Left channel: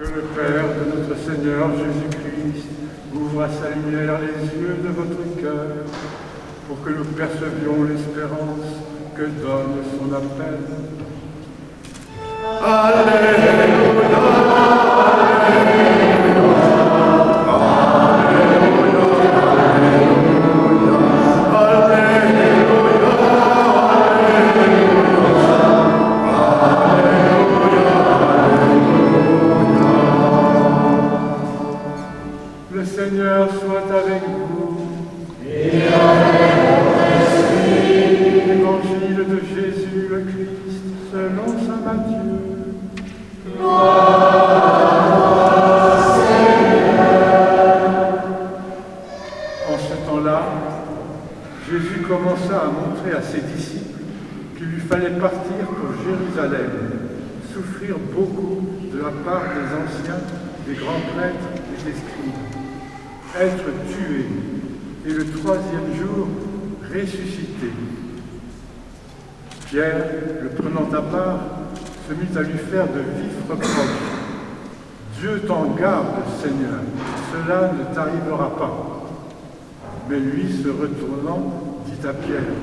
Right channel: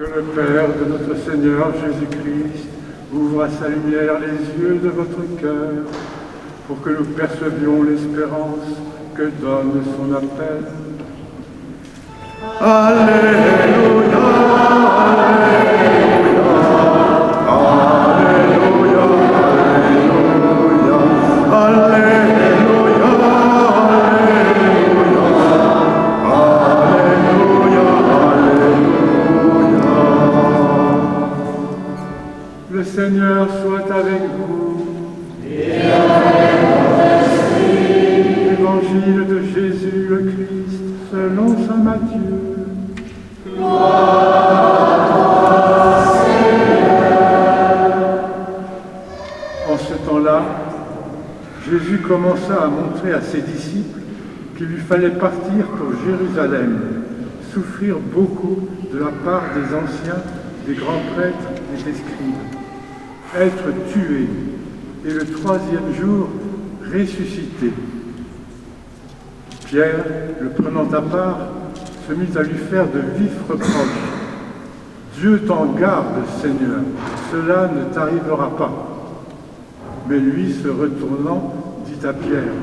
Que le Père de notre Seigneur Jésus-Christ ouvre à sa lumière les yeux de votre cœur pour que nous percevions l'espérance que donne son appel. Alléluia, Alléluia, Alléluia, Alléluia, Alléluia, Alléluia. Le Seigneur soit avec vous. Et avec votre esprit. Évangile de Jésus le Christ selon saint Matthieu. En ce temps-là, Jésus commença à montrer à ses disciples qu'il lui fallait partir pour Jérusalem, souffrir beaucoup de la part des anciens, des grands prêtres et des scribes, être tué et le troisième jour ressuscité. Pierre, le prenant à part, se mit à lui faire de vifs reproches. « Dieu t'en garde, Seigneur, cela ne t'arrivera pas. » Mais lui, se retournant, dit à Pierre,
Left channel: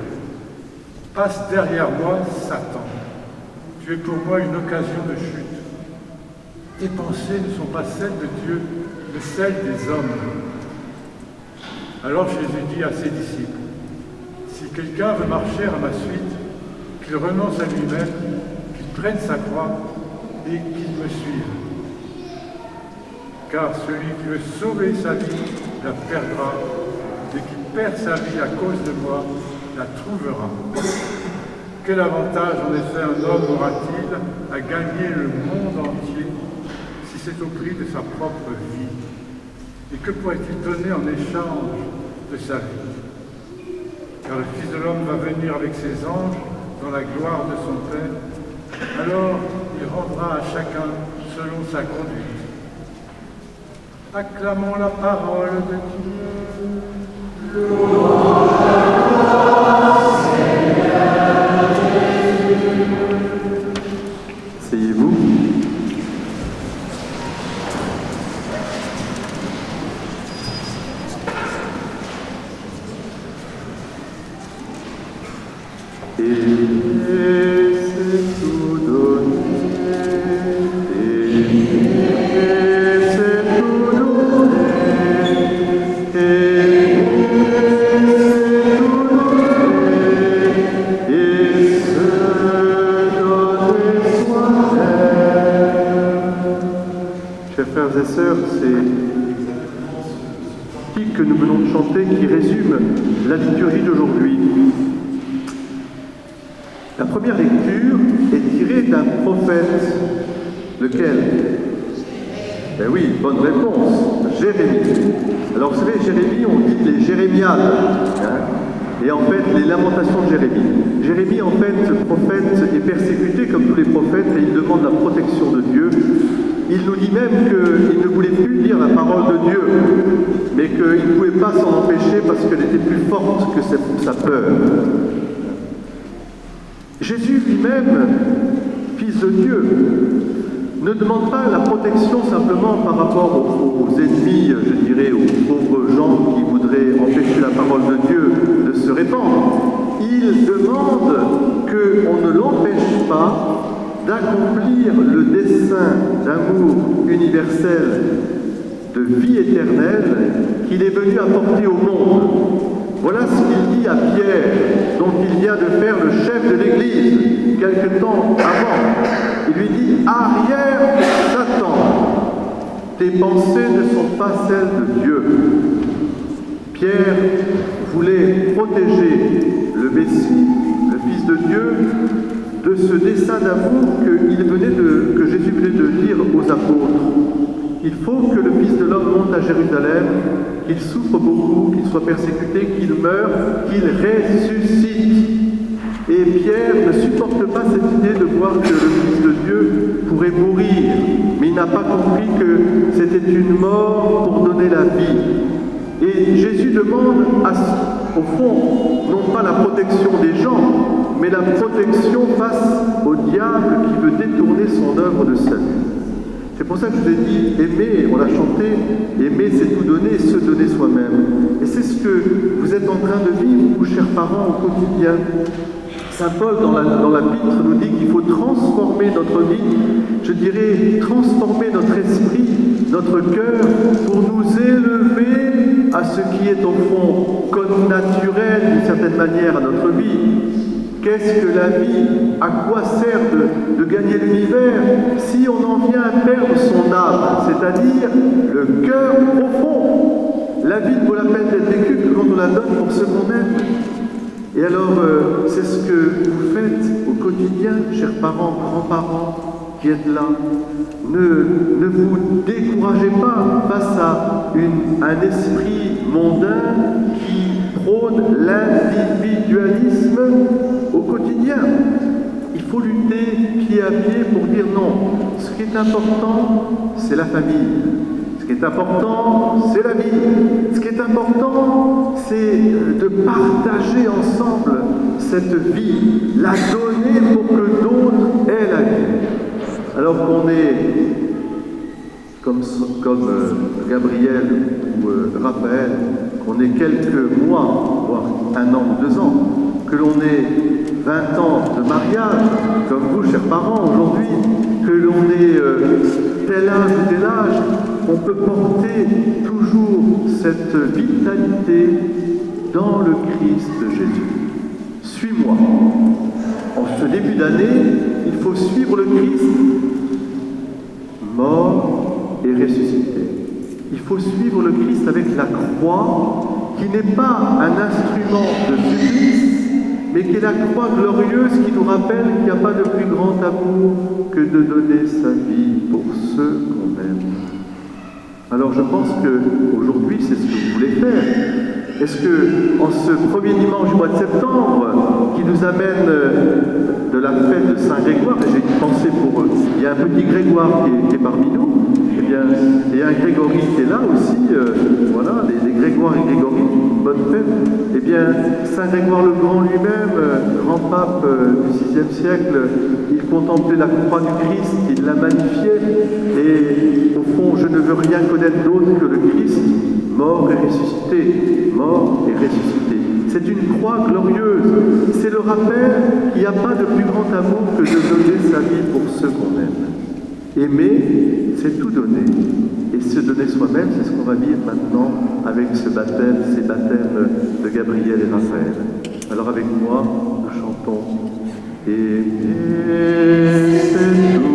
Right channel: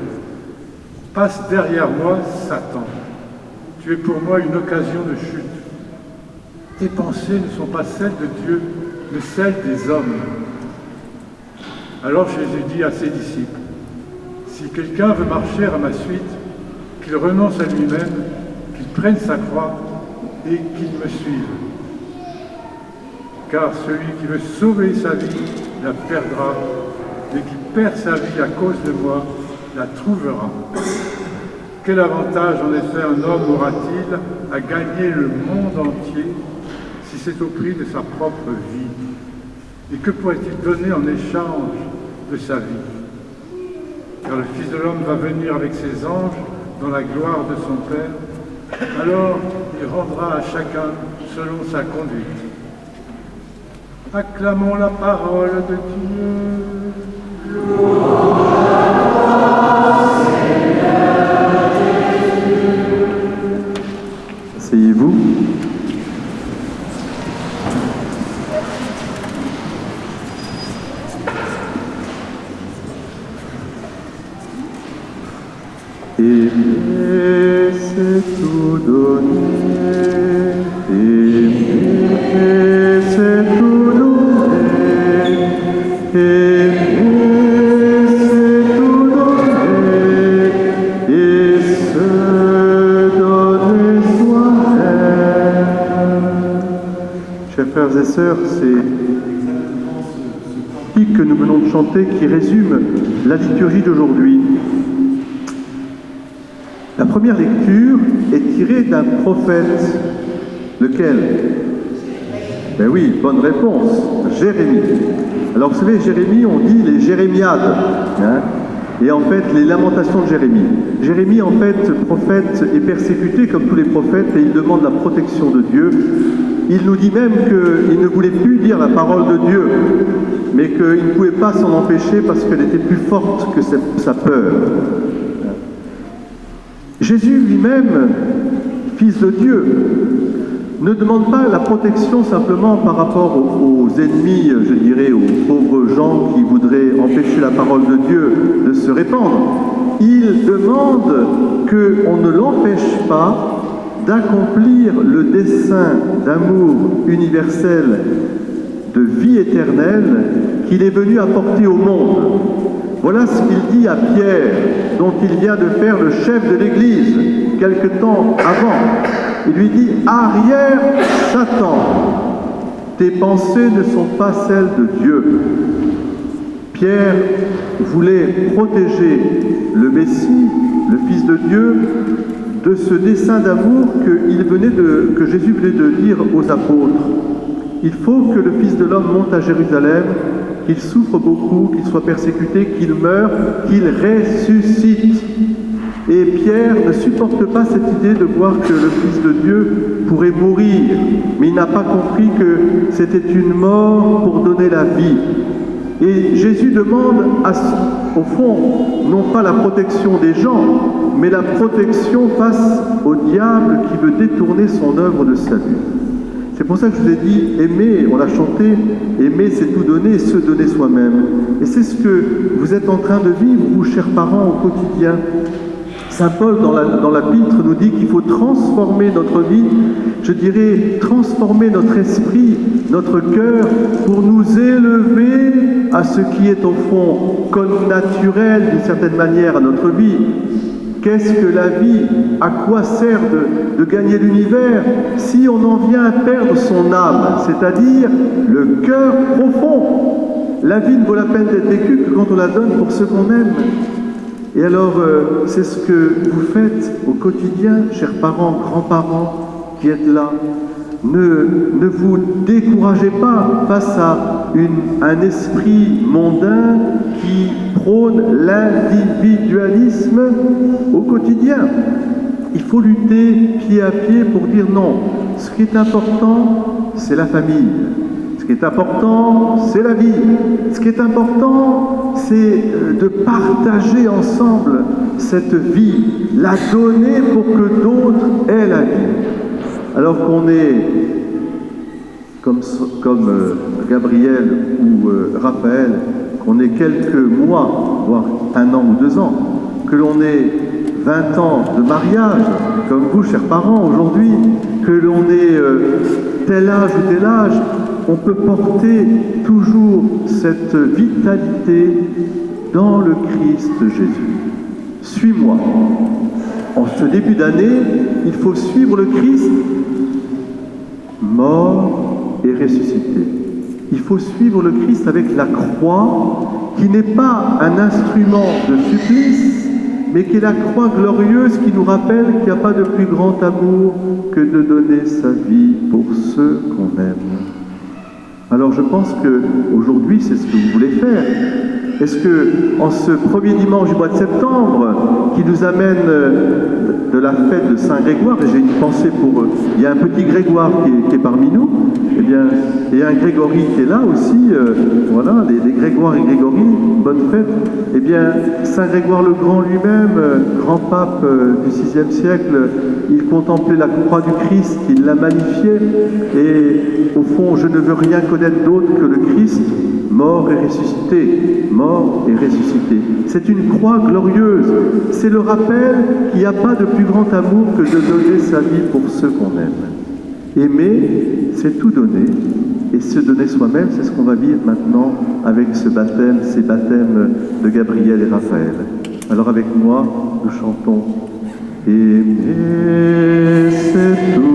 « Passe derrière moi, Satan. Tu es pour moi une occasion de chute. Tes pensées ne sont pas celles de Dieu, mais celles des hommes. » Alors Jésus dit à ses disciples, « Si quelqu'un veut marcher à ma suite, qu'il renonce à lui-même, qu'il prenne sa croix et qu'il me suive. Car celui qui veut sauver sa vie la perdra, et qui perd sa vie à cause de moi la trouvera. Quel avantage en effet un homme aura-t-il à gagner le monde entier si c'est au prix de sa propre vie? Et que pourrait-il donner en échange de sa vie? Car le Fils de l'homme va venir avec ses anges dans la gloire de son Père, alors il rendra à chacun selon sa conduite. Acclamons la parole de Dieu. Asseyez-vous. Aimer, c'est tout donner. Aimer, c'est tout donner. Aimer, c'est tout donner. Et se donner soi-même. Chers frères et sœurs, c'est ce que nous venons de chanter qui résume la liturgie d'aujourd'hui. La première lecture est tirée d'un prophète. Lequel? Ben oui, bonne réponse, Jérémie. Alors vous savez, Jérémie, on dit les Jérémiades, hein, et en fait les lamentations de Jérémie. Jérémie, en fait, prophète, est persécuté comme tous les prophètes et il demande la protection de Dieu. Il nous dit même qu'il ne voulait plus dire la parole de Dieu, mais qu'il ne pouvait pas s'en empêcher parce qu'elle était plus forte que sa peur. Jésus lui-même, fils de Dieu, ne demande pas la protection simplement par rapport aux ennemis, je dirais, aux pauvres gens qui voudraient empêcher la parole de Dieu de se répandre. Il demande qu'on ne l'empêche pas d'accomplir le dessein d'amour universel, de vie éternelle qu'il est venu apporter au monde. Voilà ce qu'il dit à Pierre, dont il vient de faire le chef de l'Église, quelque temps avant. Il lui dit « Arrière, Satan, tes pensées ne sont pas celles de Dieu. » Pierre voulait protéger le Messie, le Fils de Dieu, de ce dessein d'amour que Jésus venait de dire aux apôtres. Il faut que le Fils de l'homme monte à Jérusalem, qu'il souffre beaucoup, qu'il soit persécuté, qu'il meure, qu'il ressuscite. Et Pierre ne supporte pas cette idée de voir que le Fils de Dieu pourrait mourir, mais il n'a pas compris que c'était une mort pour donner la vie. Et Jésus demande, au fond, non pas la protection des gens, mais la protection face au diable qui veut détourner son œuvre de salut. C'est pour ça que je vous ai dit, aimer, on l'a chanté, aimer c'est tout donner, se donner soi-même. Et c'est ce que vous êtes en train de vivre, vous, chers parents, au quotidien. Saint Paul, dans l'Épître, nous dit qu'il faut transformer notre vie, je dirais, transformer notre esprit, notre cœur, pour nous élever à ce qui est au fond comme naturel, d'une certaine manière, à notre vie. Qu'est-ce que la vie? À quoi sert de gagner l'univers si on en vient à perdre son âme, c'est-à-dire le cœur profond? La vie ne vaut la peine d'être vécue que quand on la donne pour ceux qu'on aime. Et alors, c'est ce que vous faites au quotidien, chers parents, grands-parents qui êtes là. Ne vous découragez pas face à un esprit mondain qui prône l'individualisme au quotidien. Il faut lutter pied à pied pour dire non. Ce qui est important, c'est la famille. Ce qui est important, c'est la vie. Ce qui est important, c'est de partager ensemble cette vie, la donner pour que d'autres aient la vie. Alors qu'on est, comme Gabriel ou Raphaël, qu'on ait quelques mois, voire 1 an ou 2 ans, que l'on ait 20 ans de mariage, comme vous, chers parents, aujourd'hui, que l'on ait tel âge ou tel âge, on peut porter toujours cette vitalité dans le Christ Jésus. Suis-moi. En ce début d'année, il faut suivre le Christ mort et ressuscité. Il faut suivre le Christ avec la croix, qui n'est pas un instrument de supplice, mais qui est la croix glorieuse qui nous rappelle qu'il n'y a pas de plus grand amour que de donner sa vie pour ceux qu'on aime. Alors je pense qu'aujourd'hui, c'est ce que vous voulez faire. Est-ce que, en ce premier dimanche du mois de septembre, qui nous amène de la fête de Saint Grégoire, et j'ai une pensée pour eux, il y a un petit Grégoire qui est parmi nous, eh bien, et un Grégory qui est là aussi, voilà, les Grégoire et Grégory, bonne fête. Eh bien, Saint Grégoire le Grand lui-même, grand pape du VIe siècle, il contemplait la croix du Christ, il la magnifiait, et au fond, je ne veux rien connaître d'autre que le Christ, mort et ressuscité, mort et ressuscité. C'est une croix glorieuse. C'est le rappel qu'il n'y a pas de plus grand amour que de donner sa vie pour ceux qu'on aime. Aimer, c'est tout donner. Et se donner soi-même, c'est ce qu'on va vivre maintenant avec ce baptême, ces baptêmes de Gabriel et Raphaël. Alors avec moi, nous chantons « Aimer, c'est tout ».